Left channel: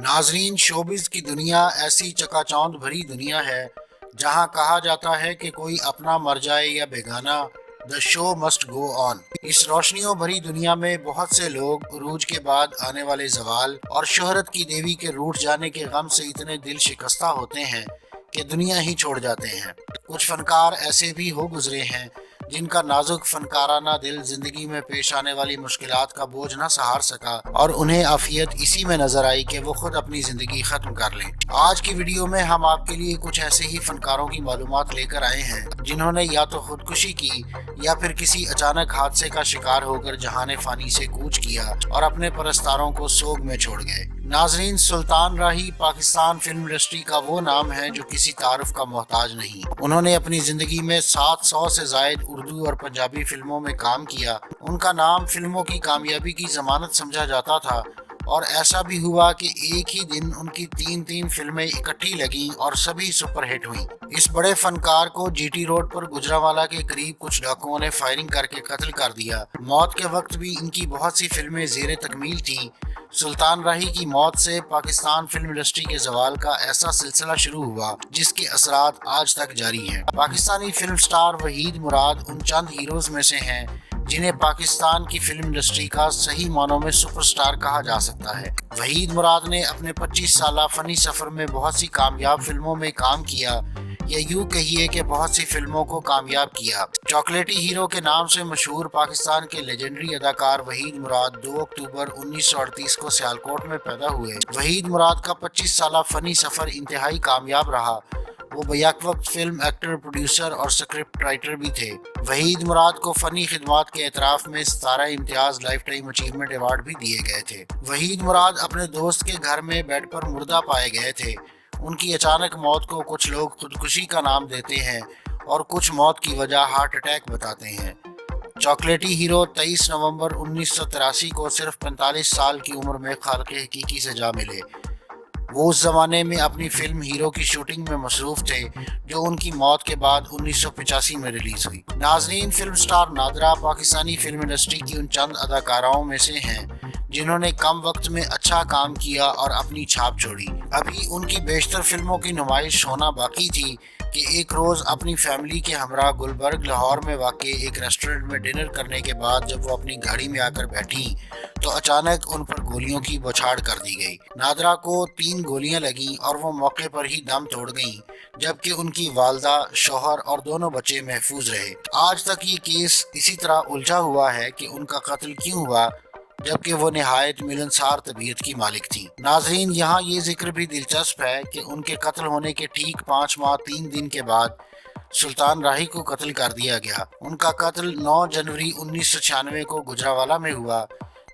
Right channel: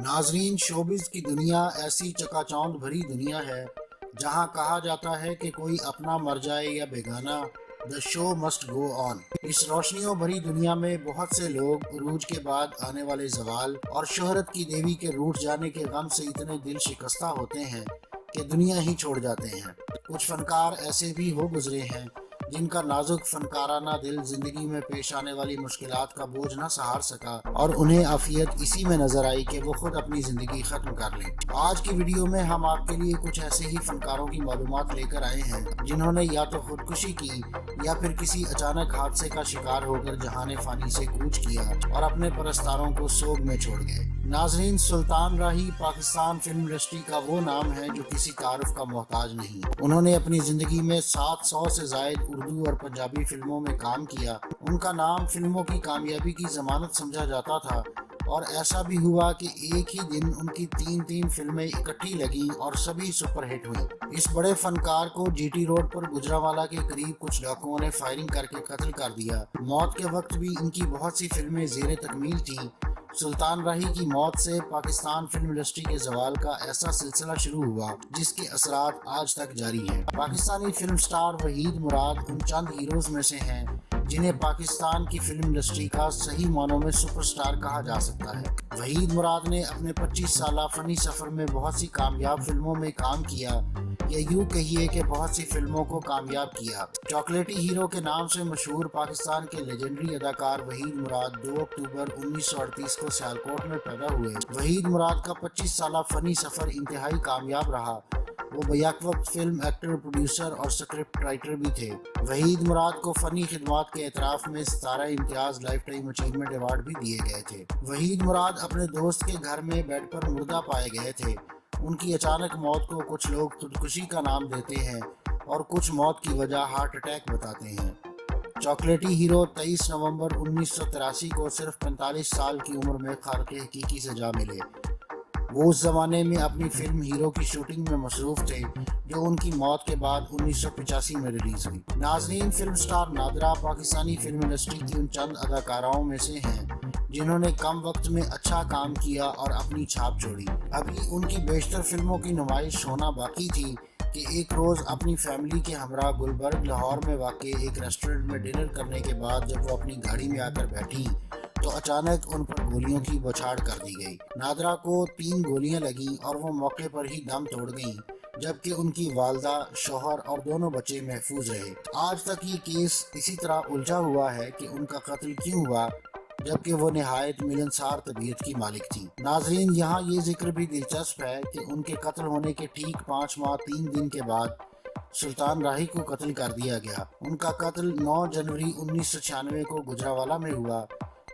ناظرین، شوبز کی دنیا ایسی چکا چوند بھری دنیا ہے جہاں کہا جاتا ہے کہ کوئی اپنا مر جائے یا بیگانہ، دا شو مسٹ گو آن۔ اس روشنیوں بھری دنیا میں بہت سے لوگ عروج کے بعد آنے والے زوال اور شہرت کی دیوی کے روٹھ جانے کے غم سے اتنے دل شکستہ ہوتے ہیں کہ دنیا ہی چھوڑ جاتے ہیں۔ کچھ فنکار ایسے بھی ہو گزرے ہیں جن کا نازک فنکارانہ دل زندگی میں پیش آنے والی مشکلات کا بوجھ نہ سہار سکا اور انہیں عافیت اسی میں نظر آئی کہ وہ خود اپنی زندگی ختم کر لیں۔ آج کی ویڈیو میں ہم آپ کے لیے کچھ ایسے ہی فنکاروں کی معلومات لے کر آئے ہیں جنہوں نے یا تو خودکشی کی یا پھر کسی اچانک حادثے کا شکار ہو کر جہان فانی سے کوچ کیا اور اپنے پرستاروں کو سوگ میں چھوڑ گئے۔ ناظرین، سلطان راہی پاکستان فلم انڈسٹری کا وہ نام ہے جو کسی تعارف کا محتاج نہیں۔ انہوں نے اپنی زندگی میں 700 سے زائد اردو اور پنجابی فلموں میں کام کیا۔ ان کا نام فلموں کی کامیابی کی ضمانت سمجھا جاتا تھا، اور ایسا بھی ہوا کہ ایک ہی دن ان کی تین فلمیں اکٹھی لگیں اور سبھی سپر ہٹ ہوئیں۔ اس بڑے فنکار کو جی ٹی روڈ پر گجرانوالہ کے قریب کچھ ڈاکوؤں نے فائرنگ کر کے قتل کر دیا۔ موت کے وقت بھی ان کی بہت سی فلمیں زیر تکمیل تھیں۔ سلطان راہی کی موت سے پاکستان فلم انڈسٹری کے زوال کا ایسا سلسلہ شروع ہوا جس کے اثرات آج تک جاری ہیں۔ پاکستانی فلم سٹار وحید مراد ان چند ہیروز میں سے ہیں جنہیں پاکستان کی فلم انڈسٹری کا صحیح معنوں میں سپر سٹار کہا جا سکتا ہے۔ وحید مراد نے اپنے 25 سالہ فنی سفر میں بہت سی کامیاب فلموں میں کام کیا، یا یوں کہیے کہ بہت سی فلموں کو کامیاب کیا۔ چاکلیٹی ہیرو کے نام سے مشہور پاکستان کے لیجنڈری اداکار وحید مراد 2 اکتوبر 1938 کو سیالکوٹ میں پیدا ہوئے۔ وحید مراد کا 25 سالہ فنی سفر انتہائی کامیاب رہا۔ وہ بیک وقت فلم ایکٹر، پروڈیوسر اور سکرپٹ رائٹر بھی تھے۔ وحید مراد کو فنی خدمات کے اعتراف میں 17 امتیاز لائف ٹائم اچیومنٹ ایوارڈ بھی دیے گئے تھے۔ وحید مراد اپنے دوست کے گھر میں بیڈ پر مردہ پائے گئے تھے۔ ان کی اچانک موت کو کچھ لوگ خودکشی کا نام دیتے ہیں اور کچھ موت کی وجہ ہارٹ اٹیک بتاتے ہیں۔ چاکلیٹی ہیرو 23 نومبر 1983 کو صرف 45 سال کی عمر میں خالق حقیقی سے جا ملے۔ وہ اس زمانے میں اپنی فلم ہیرو کی شوٹنگ میں مصروف تھے جو ان کی موت کے بعد 1985 میں ریلیز ہوئی۔ ناظرین، film star Nadira Pakistani film industry کی ان چند اداکاراؤں میں سے ہیں جنہوں نے کم وقت میں اچھا کام کیا اور اپنی چھاپ چھوڑی۔ ابھی ان کی بیشتر فلموں کی نمائش ہونا باقی تھی کہ ایک روز اپنی فیملی کے ہمراہ گلبرگ لاہور میں واقع ایک ریسٹورنٹ میں ڈنر کرنے کے بعد جب وہ اپنی گاڑی میں آ کر بیٹھی تو اچانک ان پر گولیوں کی بوچھاڑ کر دی گئی۔ نادرہ کو 3 گولیاں لگیں اور وہ موقع پر ہی دم توڑ گئیں، جبکہ ان کی والدہ، شوہر اور دونوں بچے محفوظ رہے۔ آج تک یہ کیس اسی طرح الجھا ہوا ہے کہ ان کا قتل کیوں ہوا، جبکہ وہ نہایت ملنسار طبیعت کی مالک تھیں۔ ناظرین، یہاں یہ ذکر بھی دلچسپ ہے کہ ان کے قتل ہونے کے ٹھیک 5 ماہ 3 دن کے بعد سلطان راہی کو قتل کر دیا گیا۔ ان کا قتل 9 جنوری 1996 کو گجرانوالہ میں ہوا،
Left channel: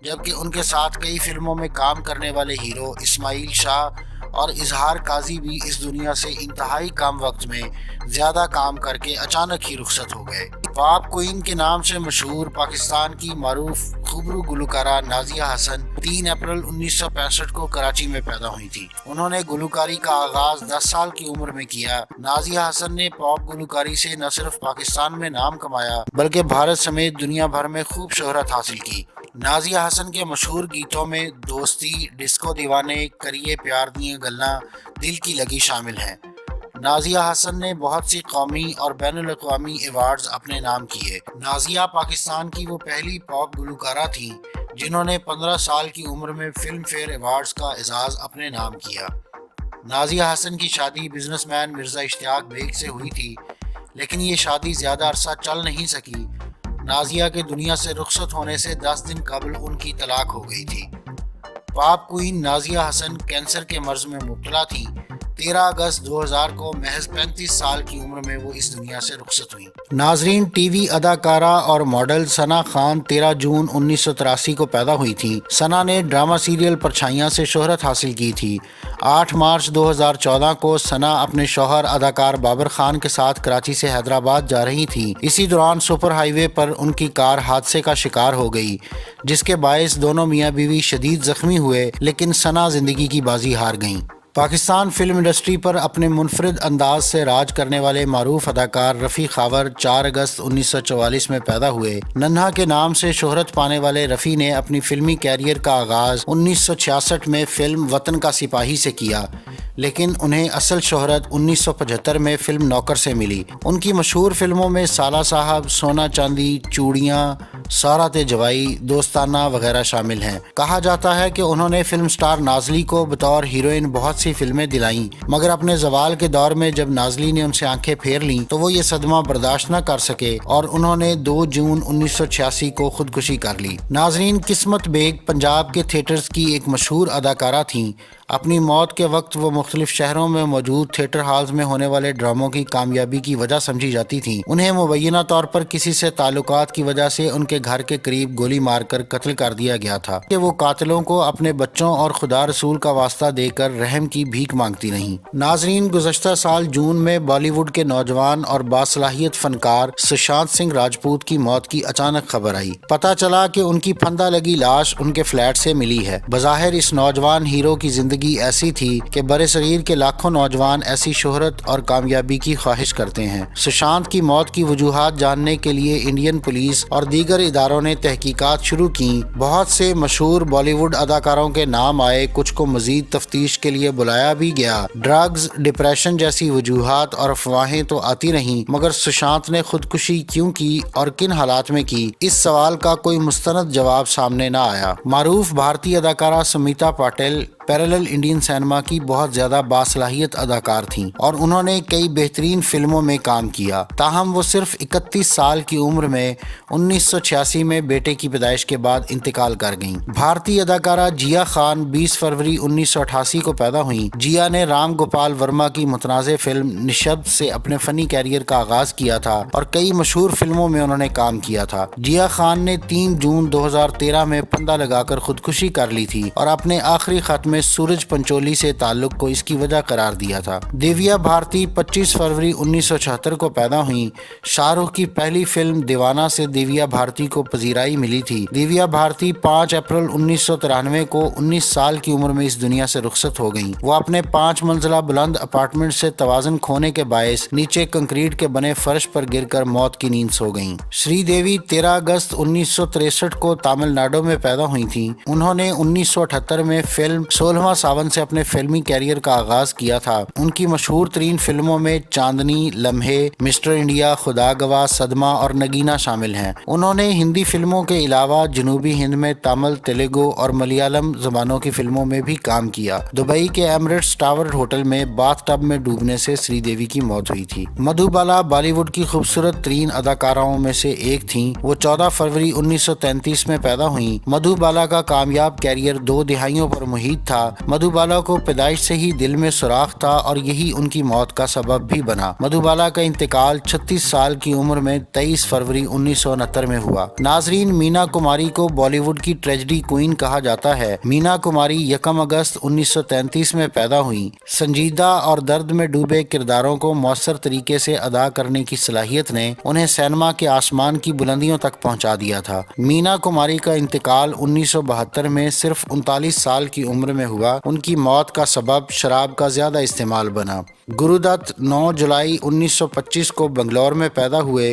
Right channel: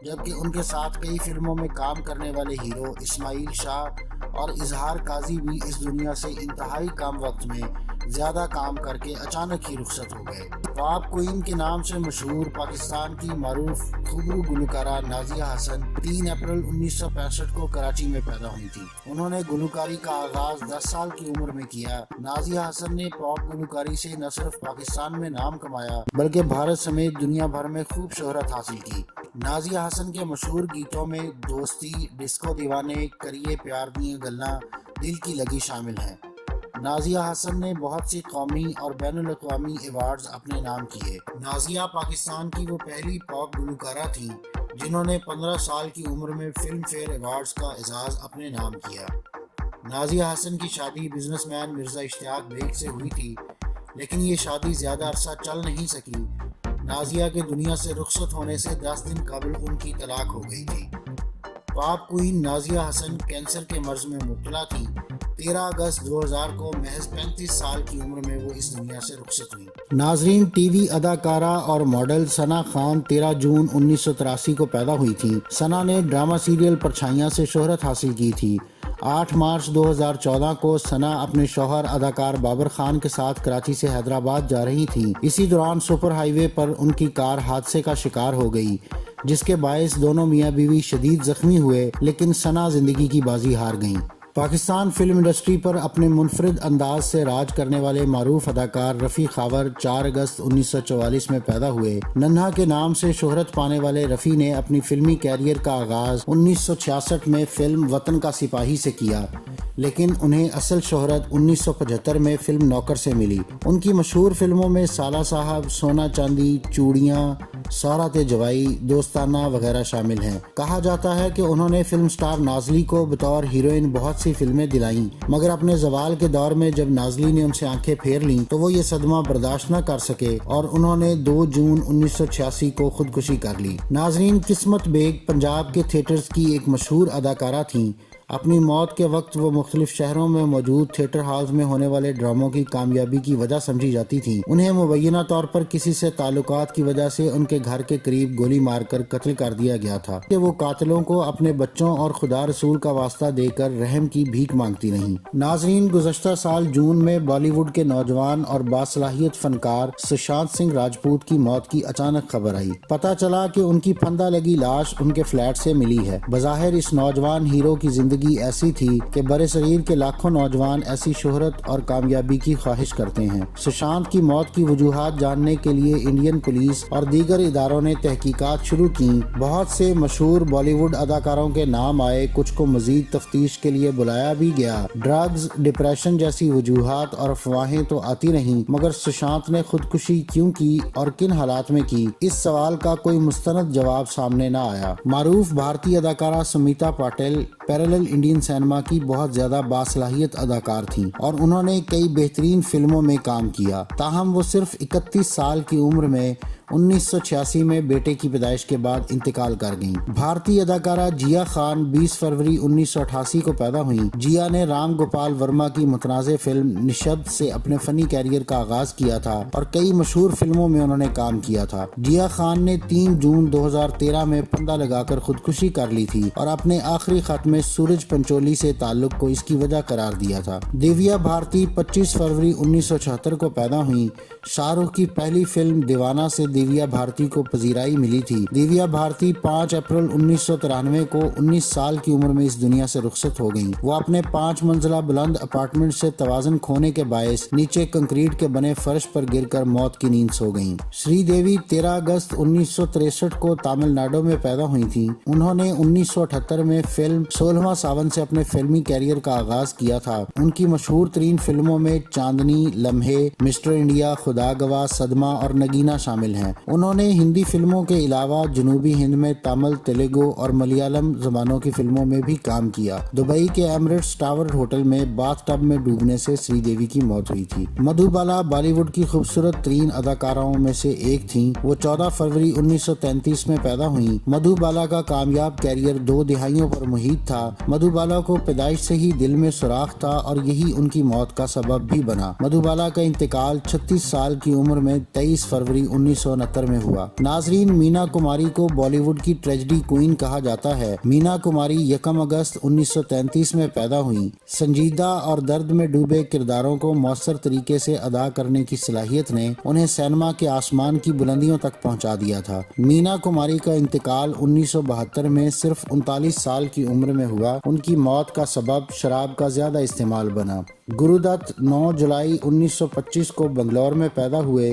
جبکہ ان کے ساتھ کئی فلموں میں کام کرنے والے ہیرو اسماعیل شاہ اور اظہار قاضی بھی اس دنیا سے انتہائی کم وقت میں زیادہ کام کر کے اچانک ہی رخصت ہو گئے۔ پاپ کوئین کے نام سے مشہور پاکستان کی معروف خوبرو گلوکارہ نازیہ حسن 3 اپریل 1965 کو کراچی میں پیدا ہوئی تھی۔ انہوں نے گلوکاری کا آغاز 10 سال کی عمر میں کیا۔ نازیہ حسن نے پاپ گلوکاری سے نہ صرف پاکستان میں نام کمایا بلکہ بھارت سمیت دنیا بھر میں خوب شہرت حاصل کی۔ نازیہ حسن کے مشہور گیتوں میں دوستی، ڈسکو دیوانے، کریے پیار دیاں گلاں، دل کی لگی شامل ہیں۔ نازیہ حسن نے بہت سی قومی اور بین الاقوامی ایوارڈز اپنے نام کیے۔ نازیہ پاکستان کی وہ پہلی پاپ گلوکارہ تھیں جنہوں نے 15 سال کی عمر میں فلم فیئر ایوارڈز کا اعزاز اپنے نام کیا۔ نازیہ حسن کی شادی بزنس مین مرزا اشتیاق بیگ سے ہوئی تھی، لیکن یہ شادی زیادہ عرصہ چل نہیں سکی۔ نازیہ کے دنیا سے رخصت ہونے سے 10 دن قبل ان کی طلاق ہو گئی تھی۔ پاپ کوئین نازیہ حسن کینسر کے مرض میں مبتلا تھی۔ 13 اگست 2000 کو محض 35 سال کی عمر میں وہ اس دنیا سے رخصت ہوئی۔ ناظرین، ٹی وی اداکارہ اور ماڈل ثنا خان 13 جون 1983 کو پیدا ہوئی تھی۔ ثنا نے ڈرامہ سیریل پرچھائیاں سے شہرت حاصل کی تھی۔ 8 مارچ 2014 کو ثنا اپنے شوہر اداکار بابر خان کے ساتھ کراچی سے حیدرآباد جا رہی تھی۔ اسی دوران سپر ہائی وے پر ان کی کار حادثے کا شکار ہو گئی، جس کے باعث دونوں میاں بیوی شدید زخمی ہوئے، لیکن ثنا زندگی کی بازی ہار گئیں۔ پاکستان فلم انڈسٹری پر اپنے منفرد انداز سے راج کرنے والے معروف اداکار رفیع خاور 4 اگست 1944 میں پیدا ہوئے۔ ننھا کے نام سے شہرت پانے والے رفیع نے اپنی فلمی کیریئر کا آغاز 1966 میں فلم وطن کا سپاہی سے کیا، لیکن انہیں اصل شہرت 1975 میں فلم نوکر سے ملی۔ ان کی مشہور فلموں میں سالہ صاحب، سونا چاندی، چوڑیاں، سارات جوائی، دوستانہ وغیرہ شامل ہیں۔ کہا جاتا ہے کہ انہوں نے فلم سٹار نازلی کو بطور ہیروئن بہت سی فلمیں دلائیں، مگر اپنے زوال کے دور میں جب نازلی نے ان سے آنکھیں پھیر لیں تو وہ یہ صدمہ برداشت نہ کر سکے اور انہوں نے 2 جون 1986 کو خودکشی کر لی۔ ناظرین، قسمت بیگ پنجاب کے تھیٹرز کی ایک مشہور اداکارہ تھیں۔ اپنی موت کے وقت وہ مختلف شہروں میں موجود تھیٹر ہالز میں ہونے والے ڈراموں کی کامیابی کی وجہ سمجھی جاتی تھیں۔ انہیں مبینہ طور پر کسی سے تعلقات کی وجہ سے ان کے گھر کے قریب گولی مار کر قتل کر دیا گیا تھا کہ وہ قاتلوں کو اپنے بچوں اور خدا رسول کا واسطہ دے کر رحم کی بھیک مانگتی رہیں۔ ناظرین، گزشتہ سال جون میں بالی ووڈ کے نوجوان اور باصلاحیت فنکار سشانت سنگھ راجپوت کی موت کی اچانک خبر آئی۔ پتہ چلا کہ ان کی پھندہ لگی لاش ان کے فلیٹ سے ملی ہے۔ بظاہر اس نوجوان ہیرو کی زندگی ایسی تھی کہ برصغیر کے لاکھوں نوجوان ایسی شہرت اور کامیابی کی خواہش کرتے ہیں۔ سشانت کی موت کی وجوہات جاننے کے لیے انڈین پولیس اور دیگر اداروں نے تحقیقات شروع کی۔ بہت سے مشہور بالی ووڈ اداکاروں کے نام آئے، کچھ کو مزید تفتیش کے لیے بلایا بھی گیا۔ ڈرگز، ڈپریشن جیسی وجوہات اور افواہیں تو آتی رہیں، مگر سشانت نے خودکشی کیوں کی اور کن حالات میں کی، اس سوال کا کوئی مستند جواب سامنے نہ آیا۔ معروف بھارتی اداکارہ Smita Patil parallel Indian cinema کی بہت زیادہ باصلاحیت اداکار تھیں اور انہوں نے کئی بہترین فلموں میں کام کیا، تاہم وہ صرف 31 سال کی عمر میں 1986 میں بیٹے کی پیدائش کے بعد انتقال کر گئیں۔ بھارتی اداکارہ جیا خان 20 فروری 1988 کو پیدا ہوئیں۔ جیا نے رام گوپال ورما کی متنازع فلم نشبد سے اپنے فنی کیریئر کا آغاز کیا تھا اور کئی مشہور فلموں میں انہوں نے کام کیا تھا۔ جیا خان نے 3 جون 2013 میں پھندہ لگا کر خودکشی کر لی تھی اور اپنے آخری خط میں سورج پنچولی سے تعلق کو اس کی وجہ قرار دیا تھا۔ دیویا بھارتی 25 فروری 1976 کو پیدا ہوئیں۔ شاہ رخ کی پہلی فلم دیوانہ سے دیویا بھارتی کو پذیرائی ملی تھی۔ دیویا بھارتی 5 اپریل 1993 کو 19 سال کی عمر میں اس دنیا سے رخصت ہو گئیں۔ وہ اپنے 5 منزلہ بلند اپارٹمنٹ سے توازن کھونے کے باعث نیچے کنکریٹ کے بنے فرش پر گر کر موت کی نیند سو گئیں۔ شری دیوی 13 اگست 1963 کو تامل ناڈو میں پیدا ہوئی تھیں۔ انہوں نے 1978 میں فلم 16واں ساون سے اپنے فلمی کیریئر کا آغاز کیا تھا۔ ان کی مشہور ترین فلموں میں چاندنی، لمحے، مسٹر انڈیا، خدا گواہ، صدمہ اور نگینا شامل ہیں۔ انہوں نے ہندی فلموں کے علاوہ جنوبی ہند میں تامل، تیلگو اور ملیالم زبانوں کی فلموں میں بھی کام کیا۔ دبئی کے ایمریٹس ٹاور ہوٹل میں باتھ ٹب میں ڈوبنے سے شری دیوی کی موت ہوئی تھی۔ مدھو بالا بالی ووڈ کی خوبصورت ترین اداکاراؤں میں سے ایک تھیں۔ وہ 14 فروری 1933 میں پیدا ہوئیں۔ مدھو بالا کا کامیاب کیریئر 2 دہائیوں پر محیط تھا۔ مدھو بالا کو پیدائش سے ہی دل میں سوراخ تھا اور یہی ان کی موت کا سبب بھی بنا۔ مدھو بالا کا انتقال 36 سال کی عمر میں 23 فروری 1969 میں ہوا۔ ناظرین، مینا کماری کو بالی ووڈ کی ٹریجڈی کوئین کہا جاتا ہے۔ مینا کماری 1 اگست 1933 میں پیدا ہوئیں۔ سنجیدہ اور درد میں ڈوبے کرداروں کو مؤثر طریقے سے ادا کرنے کی صلاحیت نے انہیں سینما کے آسمان کی بلندیوں تک پہنچا دیا تھا۔ مینا کماری کا انتقال 1972 میں صرف 39 سال کی عمر میں ہوا۔ ان کی موت کا سبب شراب کا زیادہ استعمال بنا۔ گرو دت 9 جولائی 1925 کو بنگلور میں پیدا ہوئے۔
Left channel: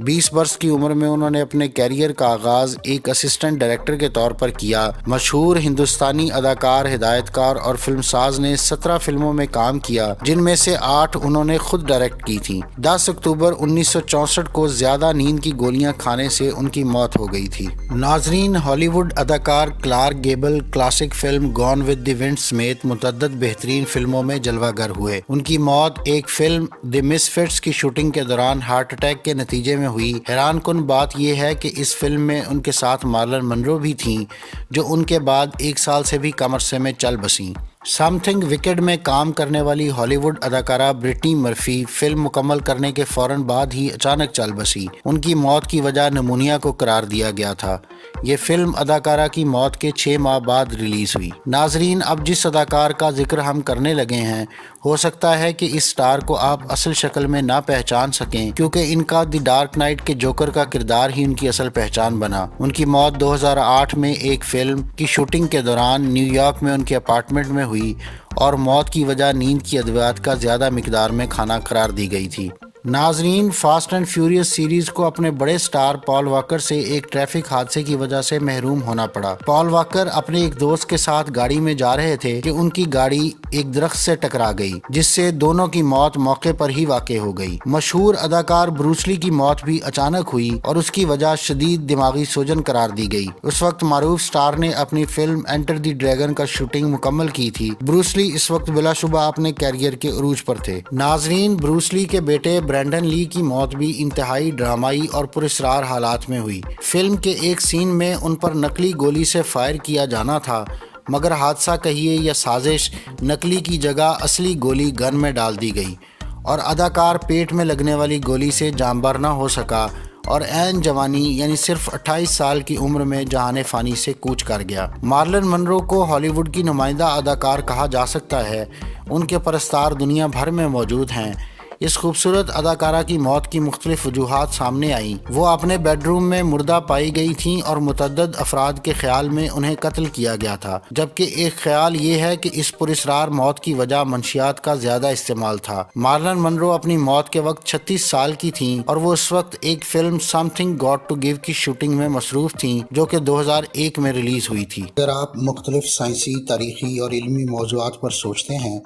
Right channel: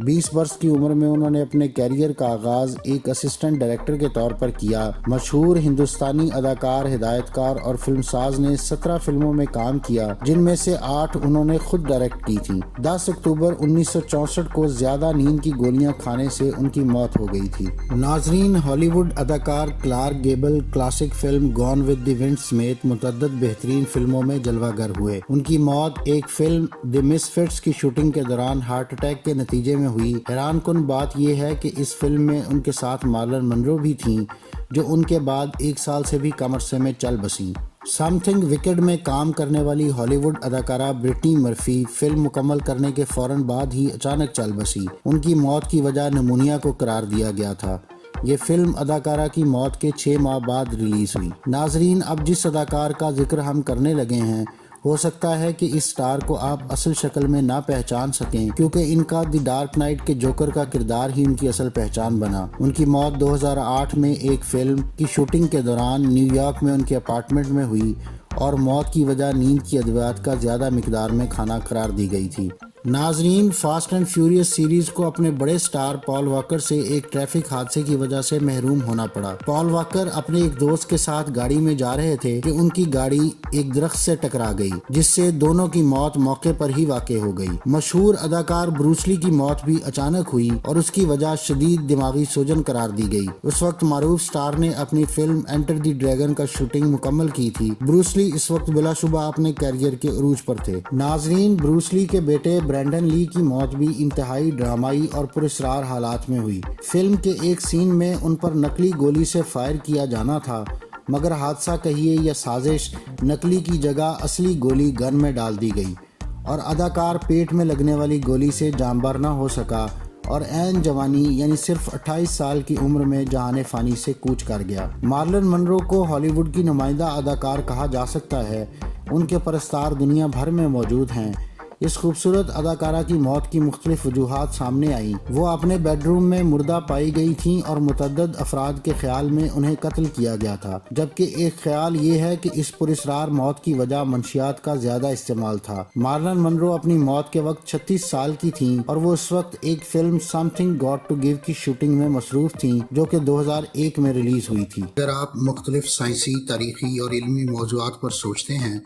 20 برس کی عمر میں انہوں نے اپنے کیریئر کا آغاز ایک اسسٹنٹ ڈائریکٹر کے طور پر کیا۔ مشہور ہندوستانی اداکار، ہدایت کار اور فلم ساز نے 17 فلموں میں کام کیا، جن میں سے 8 انہوں نے خود ڈائریکٹ کی تھیں۔ 10 اکتوبر 1964 کو زیادہ نیند کی گولیاں کھانے سے ان کی موت ہو گئی تھی۔ ناظرین، ہالی ووڈ اداکار Clark Gable classic film Gone with the Wind سمیت متعدد بہترین فلموں میں جلوہ گر ہوئے۔ ان کی موت ایک فلم دی مس فٹس کی شوٹنگ کے دوران ہارٹ اٹیک کے نتیجے میں ہوئی۔ حیران کن بات یہ ہے کہ اس فلم میں ان کے ساتھ مارلن منرو بھی تھیں، جو ان کے بعد 1 سال سے بھی کم عرصے میں چل بسیں۔ سم تھنگ وکڈ میں کام کرنے والی ہالی ووڈ اداکارہ برٹنی مرفی فلم مکمل کرنے کے فوراً بعد ہی اچانک چل بسی۔ ان کی موت کی وجہ نمونیا کو قرار دیا گیا تھا۔ یہ فلم اداکارہ کی موت کے 6 ماہ بعد ریلیز ہوئی۔ ناظرین، اب جس اداکار کا ذکر ہم کرنے لگے ہیں، ہو سکتا ہے کہ اس سٹار کو آپ اصل شکل میں نہ پہچان سکیں، کیونکہ ان کا دی ڈارک نائٹ کے جوکر کا کردار ہی ان کی اصل پہچان بنا۔ ان کی موت 2008 میں ایک فلم کی شوٹنگ کے دوران نیو یارک میں ان کے اپارٹمنٹ میں ہوئی، اور موت کی وجہ نیند کی ادویات کا زیادہ مقدار میں کھانا قرار دی گئی تھی۔ ناظرین، فاسٹ اینڈ فیوریس سیریز کو اپنے بڑے سٹار پال واکر سے ایک ٹریفک حادثے کی وجہ سے محروم ہونا پڑا۔ پال واکر اپنے ایک دوست کے ساتھ گاڑی میں جا رہے تھے کہ ان کی گاڑی ایک درخت سے ٹکرا گئی، جس سے دونوں کی موت موقع پر ہی واقع ہو گئی۔ مشہور اداکار بروس لی کی موت بھی اچانک ہوئی اور اس کی وجہ شدید دماغی سوجن قرار دی گئی۔ اس وقت معروف سٹار نے اپنی فلم انٹر دی ڈریگن کا شوٹنگ مکمل کی تھی۔ بروس لی اس وقت بلا شبہ اپنے کیریئر کے عروج پر تھے۔ ناظرین، بروس لی کے بیٹے برینڈن لی کی موت بھی انتہائی ڈرامائی اور پراسرار حالات میں ہوئی۔ فلم کے ایک سین میں ان پر نقلی گولی سے فائر کیا جانا تھا، مگر حادثہ کہیے یا سازش، نقلی کی جگہ اصلی گولی گن میں ڈال دی گئی اور اداکار پیٹ میں لگنے والی گولی سے جانبر نہ ہو سکا اور عین جوانی یعنی صرف 28 سال کی عمر میں جہان فانی سے کوچ کر گیا۔ مارلن منرو کو ہالی ووڈ کی نمائندہ اداکار کہا جا سکتا ہے۔ ان کے پرستار دنیا بھر میں موجود ہیں۔ اس خوبصورت اداکارہ کی موت کی مختلف وجوہات سامنے آئیں۔ وہ اپنے بیڈ روم میں مردہ پائی گئی تھیں اور متعدد افراد کے خیال میں انہیں قتل کیا گیا تھا، جبکہ ایک خیال یہ ہے کہ اس پراسرار موت کی وجہ منشیات کا زیادہ استعمال تھا۔ مارلن منرو اپنی موت کے وقت 36 سال کی تھیں اور وہ اس وقت ایک film something got to give کی شوٹنگ میں مصروف تھیں، جو کہ 2001 میں ریلیز ہوئی تھی۔ اگر آپ مختلف سائنسی، تاریخی اور علمی موضوعات پر سوچتے ہیں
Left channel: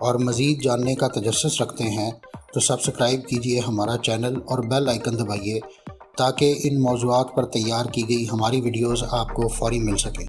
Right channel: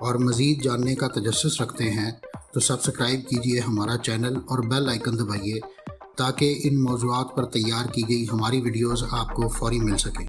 اور مزید جاننے کا تجسس رکھتے ہیں تو سبسکرائب کیجئے ہمارا چینل اور بیل آئیکن دبائیے تاکہ ان موضوعات پر تیار کی گئی ہماری ویڈیوز آپ کو فوری مل سکیں۔